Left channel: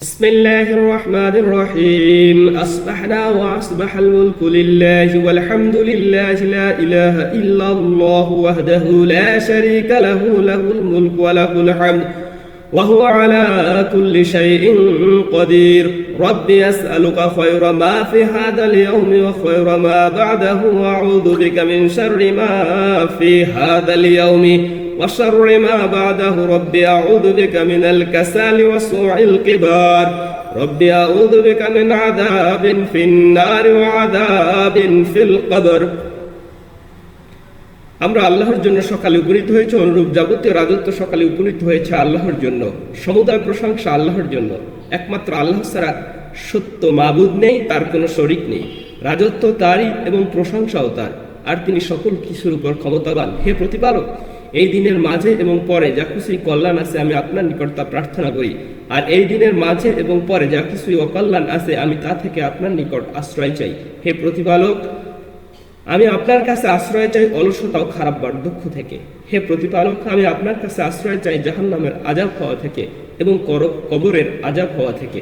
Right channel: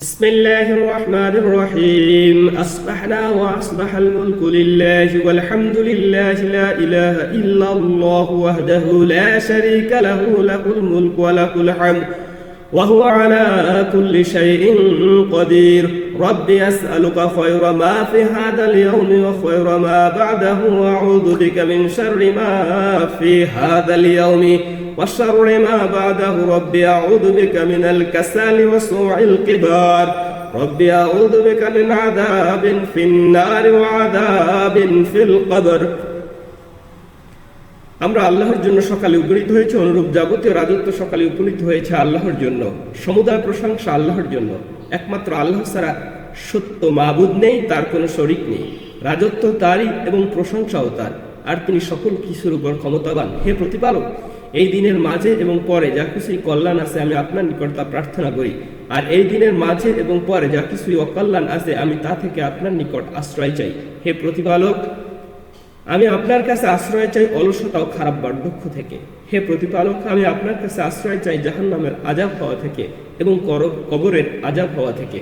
بسم الله الرحمن الرحيم أصبحنا وأصبح الملك لله والحمد لله لا إله إلا الله وحده لا شريك له له الملك وله الحمد وهو على كل شيء قدير ربي أسألك خير ما في هذا اليوم وخير ما بعده وأعوذ بك من شر ما في هذا اليوم وشر ما بعده ربي أعوذ بك من الكسل وسوء الكبار ربي أعوذ بك من عذاب في النار وعذاب في القبر আমরা আল্লাহর জন্য সকালে উপনীত হয়েছে, অনুরূপ যাবতীয় রাজত্ব সকালে উপনীত হয়েছে আল্লাহর জন্য। সমুদয় প্রশংসা আল্লাহর জন্য। একমাত্র আল্লাহ ছাড়া সত্য মাবুদ নেই, তার কোনো শরীক নেই। রাজত্ব তারই এবং প্রশংসাও তার, আর তিনি সকল কিছুর উপর ক্ষমতাবান। হে প্রতিপালক, এই দিনের মাঝে এবং পরে যা কিছুই কল্যাণ আছে আমি আপনার নিকট তা প্রার্থনা করি, আর এই দিনের মাঝে এবং পরে যা কিছুই অকল্যাণ আছে আমি তা থেকে আপনার নিকট আশ্রয় চাই। হে প্রতিপালক, আমি আপনার কাছে আশ্রয় চাই অলসতা ও খারাপ বার্ধক্য থেকে। হে প্রতিপালক, আমি আপনার কাছে আশ্রয় চাই জাহান্নামের আযাব হওয়া থেকে এবং কবরের আযাব হওয়া থেকে।